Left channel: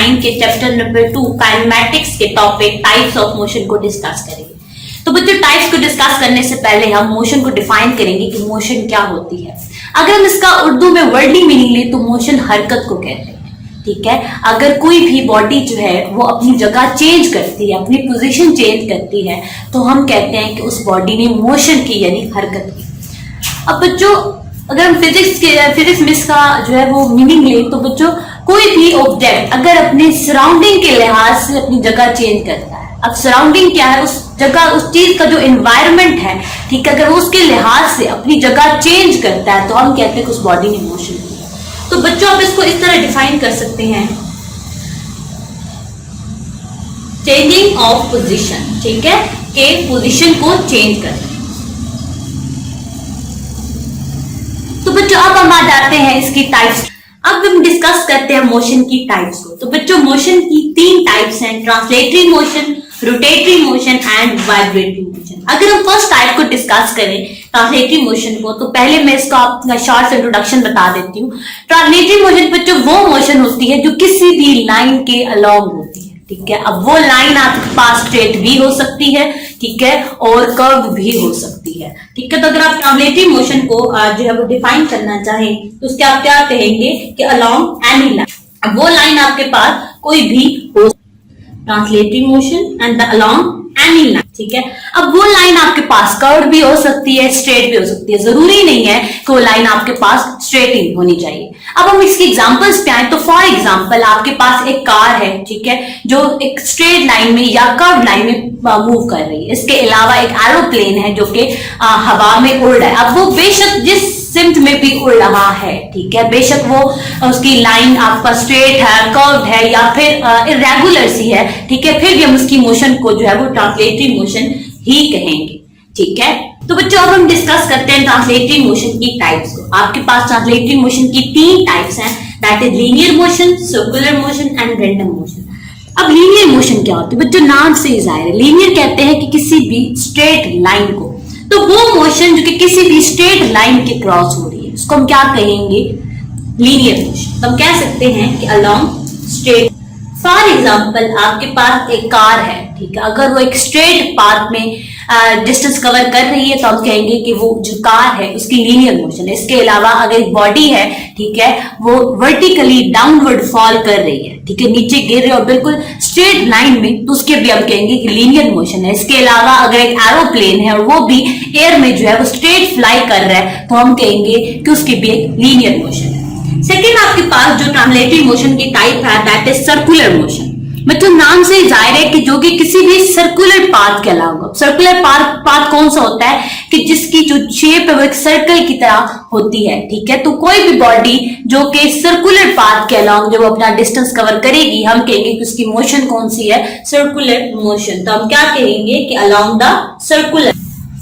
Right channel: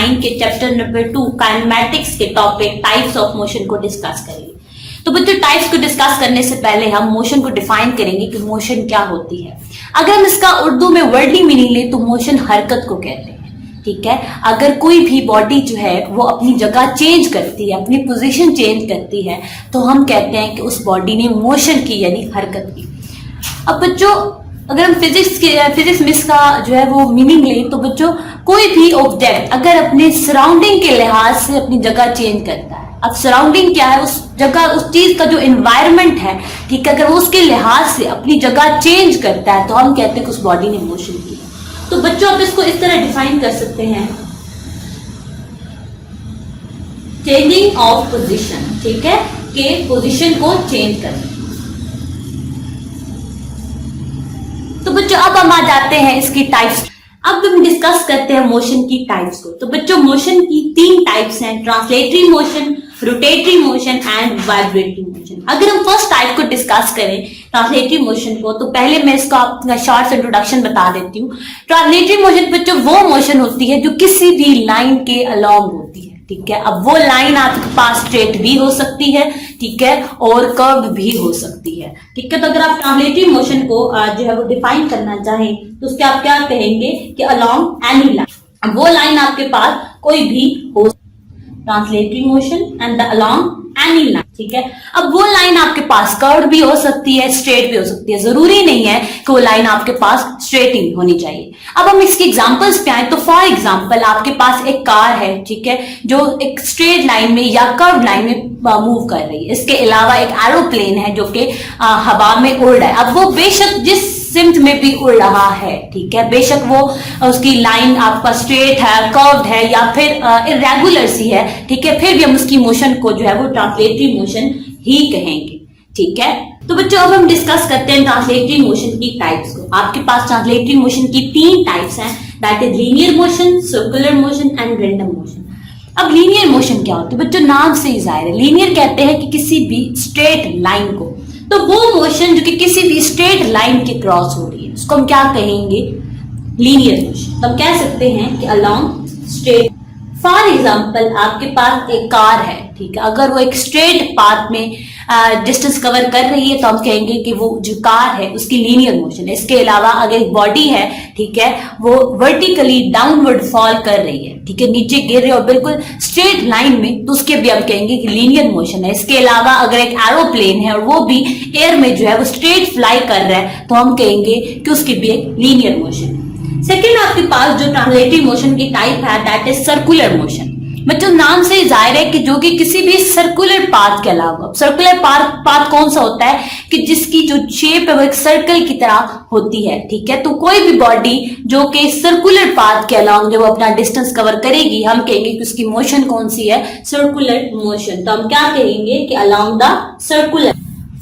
9 के chapter number 2 kinematics के topic types of motion को डिस्कस करेंगे। तो बच्चों, टाइप्स को डिस्कस करने से पहले हम मोशन को डिफाइन करेंगे कि मोशन क्या होती है। अगर हम इसका उर्दू में वर्डली मीनिंग लें तो मोशन हरकत को कहते हैं। ठीक है, अगर कोई भी बॉडी जो है वो अपनी जगह चेंज करती है, अपनी पोजीशन चेंज करती है, तो हम कहते हैं कि उस बॉडी ने मोशन की, यानी हरकत की। अब बच्चों, अगर हम फिजिक्स में इसका जो है वो मीनिंग लें तो बच्चों, कोई भी ऑब्जेक्ट अगर अपने सराउंडिंग के लिहाज से अपनी जगह चेंज करता है, अब सराउंडिंग क्या है, उस जगह, उस चीज का जो एनवायरनमेंट है, ठीक है, अगर वो उसके लिहाज से अपनी जगह चेंज करता है तो हम कहते हैं कि उस बॉडी ने मोशन की। तो बच्चों, आप इसको इस तरह डिफाइन कर सकते हैं, चेंजिंग ऑफ पोजीशन। ठीक है, कि पोजीशन को चेंज करना। तो बच्चों, अब हम आ जाते हैं इसकी टाइप्स। अब हम डिस्कस करते हैं मोशन की टाइप्स को। तो बच्चों, मोशन की 3 टाइप्स हैं, translatory motion, rotatory motion and vibratory motion. अगर हम फर्स्ट टाइप को डिस्कस करें, ट्रांसलेटरी मोशन को, तो पहले मैं इसका अपना शॉर्ट इंट्रोडक्शन बता देती हूँ। ट्रांसलेटरी मोशन बच्चों वो मोशन होती है जो किसी भी लाइन के अलोंग होती है। ठीक है, अब वो लाइन आपके पास स्ट्रेट भी हो सकती है, ठीक है, और कर्व भी हो सकती है। ठीक है, तो अगर आप ट्रांसलेटरी मोशन को जो है वो डिफाइन करना चाहें तो उसके आप क्या कहेंगे कि अलोंग एनी लाइन, वो लाइन आपके पास कोई भी हो, translatory motion and the along any line. ठीक है, अब वो लाइन आपके पास कर्व भी हो सकती है, स्ट्रेट भी हो सकती है, जरूरी नहीं है कि वो लाइन आपके पास स्ट्रेट ही होनी चाहिए। अब हम इसके एग्जांपल्स पे आए तो फॉर एग्जांपल आपके पास एक कार है, ठीक है, जो एक स्ट्रेट लाइन में या कर्व लाइन में मूव कर रही है। इसके अलावा एक एरोप्लेन है जो कि हवा में उड़ रहा है। अब वो बेशक जिस सिम्त में भी उड़ रहा है, ठीक है, बेशक वो उसकी लाइन आपका स्ट्रेट है, कर्व्ड है या फिर इरेगुलर सी है, ठीक है, फिर भी हम उसकी मोशन को जो है वो ट्रांसलेटरी मोशन ही कहेंगे। ठीक है, तो बच्चों, अब हम डिस्कस करते हैं ट्रांसलेटरी मोशन की टाइप्स को। आपके पास ट्रांसलेटरी मोशन की 3 टाइप्स हैं, that is linear motion, circular motion and random motion. अब लीनियर मोशन क्या होती है बच्चों? नाम से ही जाहिर है, लीनियर कहते हैं कि किसी भी स्ट्रेट लाइन को, तो वो मोशन जो कि किसी भी स्ट्रेट लाइन के क्रॉस हो रही है उसको हम क्या कहेंगे? Linear motion. हम कह सकते हैं कि अलोंग स्ट्रेट। फॉर एग्जाम्पल आपके पास एक कार है, ठीक है, अगर वो एक स्ट्रेट पाथ में डिस्टेंस कवर कर रही है तो हम कहेंगे कि वो जो कार है उसकी लीनियर मोशन है। इसके अलावा अगर एक बॉडी है, ठीक है, वो वर्टिकली डाउनवर्ड फॉल कर रही है, ठीक है, नीचे गिर रही है और बिल्कुल स्ट्रेट लाइन में, तो उसके भी हम कहेंगे कि लीनियर मोशन है। इसके अलावा अगर एक एरोप्लेन है और वो भी एयर में जो है वो स्ट्रेट फ्लाई कर रहा है तो हम कहेंगे कि उसकी भी एक लीनियर मोशन है। सेकेंड आपके पास जो ट्रांसलेटरी मोशन की टाइप है दैट इज सर्कुलर मोशन। मतलब नाम से जाहिर है कि जो कि किसी भी सर्कुलर पाथ के अलावा, सर्कुलर पाथ कौन सा होता है कि जिसकी जो शेप है वो एक सर्कल की तरह होती है। ठीक है, तो कोई भी बॉडी जो कि सर्कुलर पाथ के अलावा जब अपना डिस्टेंस कवर करेगी हम कहेंगे कि उसकी मोशन कौन सी है? Circular motion. तो हम क्या कहेंगे कि along the circular.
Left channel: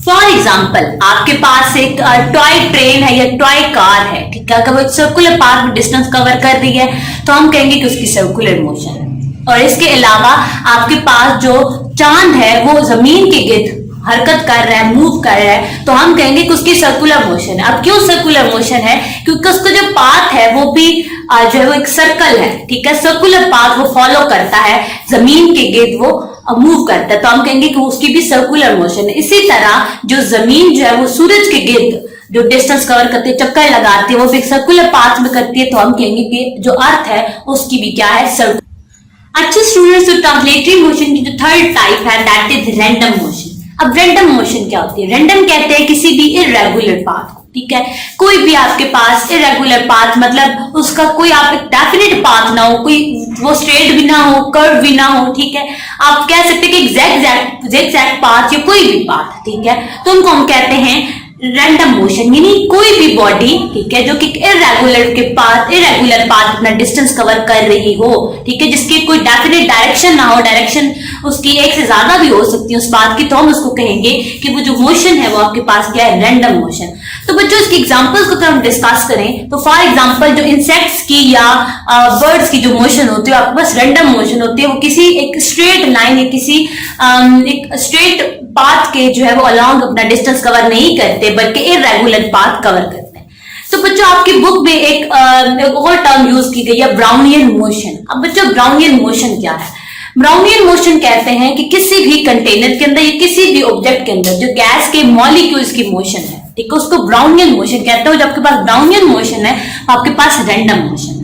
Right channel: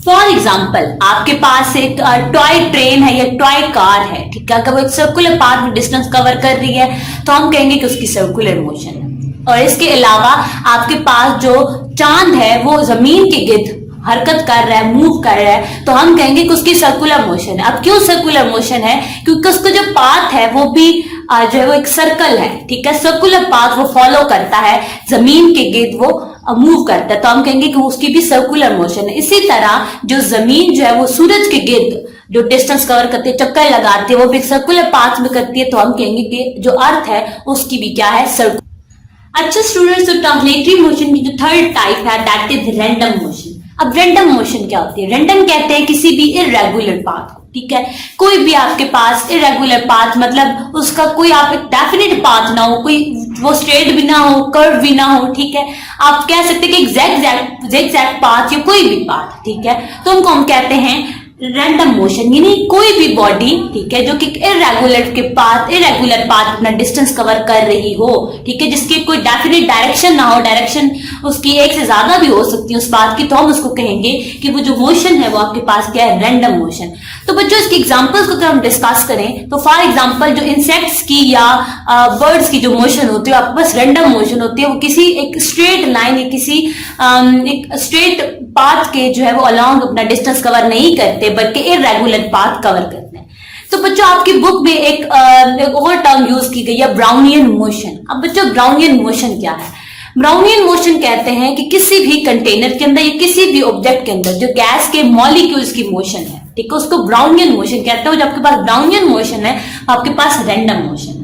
For example आपके पास एक टॉय ट्रेन है या टॉय कार है, ठीक है, अगर वो सर्कुलर पाथ में डिस्टेंस कवर कर रही है तो हम कहेंगे कि उसकी सर्कुलर मोशन है। और इसके अलावा आपके पास जो चांद है वो जमीन के गिर्द हरकत कर रहा है, मूव कर रहा है, तो हम कहेंगे कि उसकी सर्कुलर मोशन है। अब क्यों सर्कुलर मोशन है? क्योंकि उसका जो पाथ है वो भी जो है वो एक सर्कल है, ठीक है, सर्कुलर पाथ वो फॉलो करता है, जमीन के गिर्द वो मूव करता है, तो हम कहेंगे कि उसकी भी सर्कुलर मोशन है। इसी तरह जो जमीन जो है वो सूरज के गिर्द जो डिस्टेंस कवर करती है, चक्कर लगाती है, वो भी सर्कुलर पाथ में करती है, तो हम कहेंगे कि जो अर्थ है उसकी भी क्या है? सर्कुलर। अच्छे स्टूडेंट्स, तो ट्रांसलेटरी मोशन की जो थर्ड टाइप है दैट इज रैंडम मोशन। अब रैंडम मोशन क्या होती है? रैंडम कहते हैं किसी भी इरेगुलर पाथ को, ठीक है, कोई भी आपके पास इरेगुलर पाथ मतलब उसका कोई आप एक डेफिनेट पाथ ना हो, कोई वो स्ट्रेट भी ना हो, कर्व भी ना हो, ठीक है, आप कह सकते हैं कि zigzag पाथ या कोई भी पाथ, ठीक है, तो उनको हम कहते हैं रैंडम मोशन। यानी कोई भी बॉडी, ठीक है, जो कि इरेगुलर पाथ अपना डिस्टेंस कवर कर रही हो, ठीक है, जिसकी कोई डेफिनेट डायरेक्शन ना हो, डायरेक्शन उसकी एक से ज्यादा भी हो सकती है उस पाथ की, तो हम उसको कहेंगे कि वो जो मोशन है वो आपके पास क्या है? Random motion. तो बच्चों, इसके एग्जांपल्स को अगर हम डिस्कस करें तो फॉर एग्जांपल जो इंसेक्ट्स की या बर्ड्स की जो मोशन होती है आपके पास रैंडम मोशन होती है, वो किसी एक स्ट्रेट लाइन या किसी एक स्ट्रेट पाथ के जो है वो अलोंग अपना डिस्टेंस कवर नहीं करते बल्कि इरेगुलर पाथ कवर करते हैं। तो बच्चों आपकी बुक में एक और टर्म यूज की गई है, ब्राउनियन मोशन। अब बच्चों ब्राउनियन मोशन क्या है? ब्राउनियन मोशन कहते हैं कि किसी भी कंटेनर के अंदर या किसी भी ऑब्जेक्ट के अंदर जो गैस के मॉलिक्यूल्स की मोशन है, ठीक है, उसको ब्राउनियन मोशन कहते हैं। जब आपके पास ब्राउनियन मोशन है आपके पास रैंडम मोशन है।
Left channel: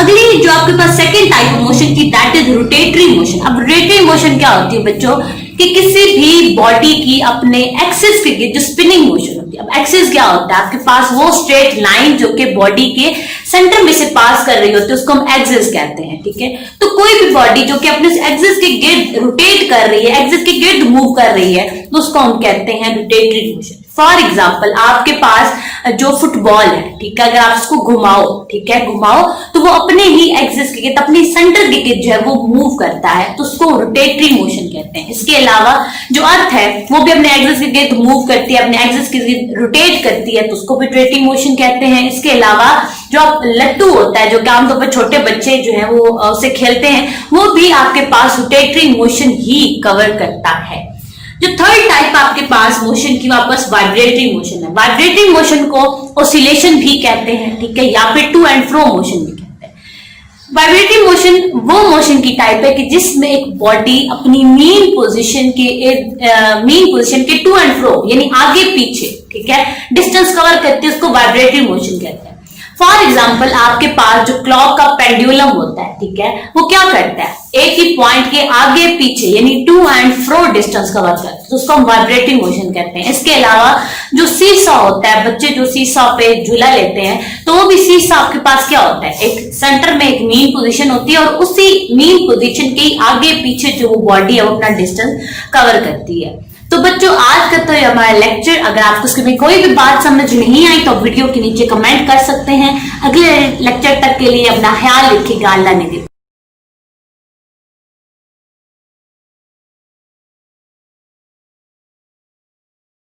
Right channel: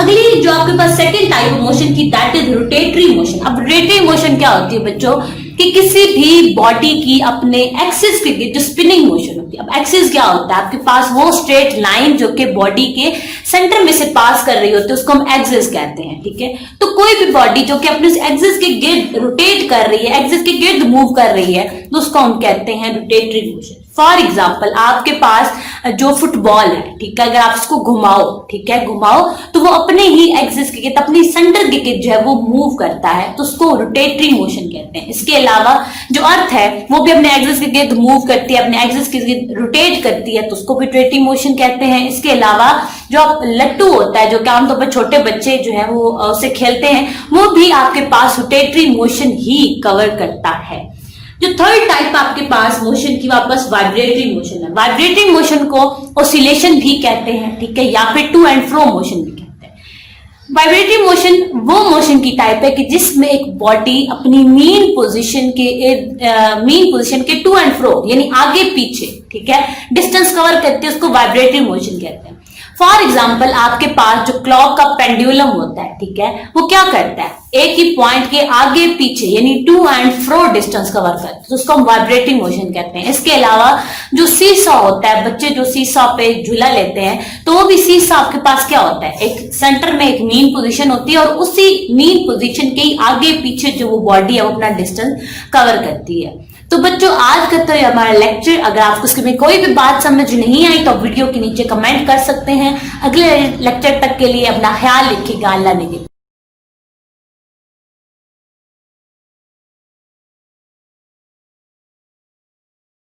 अगली जो आपके पास सेकंड टाइप ऑफ मोशन की, दैट इज रोटेटरी मोशन। अब रोटेटरी मोशन क्या होती है बच्चों, कि किसी भी बॉडी की अपने एक्सिस के जो स्पिनिंग मोशन होती है। अब एक्सिस क्या होता है? आपके पास वो स्ट्रेट लाइन जो कि बॉडी के सेंटर में से पास कर रही होती है, उसको हम एक्सिस कहते हैं, ठीक है। तो कोई भी बॉडी जो कि अपने एक्सिस के गिर्द रोटेट कर रही है, एक्सिस के गिर्द मूव कर रही है, तो उसको हम कहते हैं रोटेटरी मोशन। फॉर एग्जाम्पल आपके पास जो फुटबॉल है, ठीक है, अगर आप उसको घुमाओ, ठीक है, घुमाओ तो वो अपने ही एक्सिस के गिर्द, अपनी सेंटर के गिर्द जो है वो मूव करता है, तो उसको रोटेटरी मोशन कहते हैं। इसके अलावा जो अर्थ है वो भी अपने एक्सिस के गिर्द मूव करती है, अपने एक्सिस के गिर्द रोटेट करती है, तो उसको भी रोटेटरी मोशन कहते हैं। इसके अलावा जो आप लट्टू होता है, जो कि आमतौर पर छोटे बच्चे जो है वो उससे खेलते हैं, वो भी आपके पास रोटेटरी मोशन ही कवर करता है। जो थर्ड टाइप आपके पास मोशन की, वापस वाइब्रेटरी मोशन है। वाइब्रेटरी मोशन को ऑसिलेशन भी कहते हैं, ठीक है, या फिर टू एंड फ्रो मोशन भी कहते हैं। वाइब्रेटरी मोशन वो मोशन की टाइप है कि जिसमें एक बॉडी अपनी मेन पोजीशन के टू एंड फ्रो यानी आगे पीछे, ठीक है, डिस्टेंस कवर करती है, उसको वाइब्रेटरी मोशन कहते हैं। फॉर एग्जाम्पल आपके पास जो क्लॉक का पेंडुलम होता है, ठीक है, वो क्या करता है? एक ही पॉइंट के आगे पीछे यानी to and fro distance cover करता है, तो उसको हम वाइब्रेटरी मोशन कहते हैं। इसके अलावा जो सीसॉ होता है, बच्चे जो सीसॉ पे झूला लेते हैं, तो वो भी सीसॉ आपके पास क्या होता है? एक सेंटर में एक मीन पोजीशन होती है और उसी मीन पोजीशन के आगे पीछे जो बॉडी है वो अपना डिस्टेंस कवर करती है। तो बच्चों आज का तो हमारा लेक्चर, अगर आपको उसमें कोई भी बात समझ नहीं आई तो वीडियो के नीचे कमेंट कर सकते हैं। अगले लेक्चर तक के लिए अपना ख्याल रखिएगा। अल्लाह ने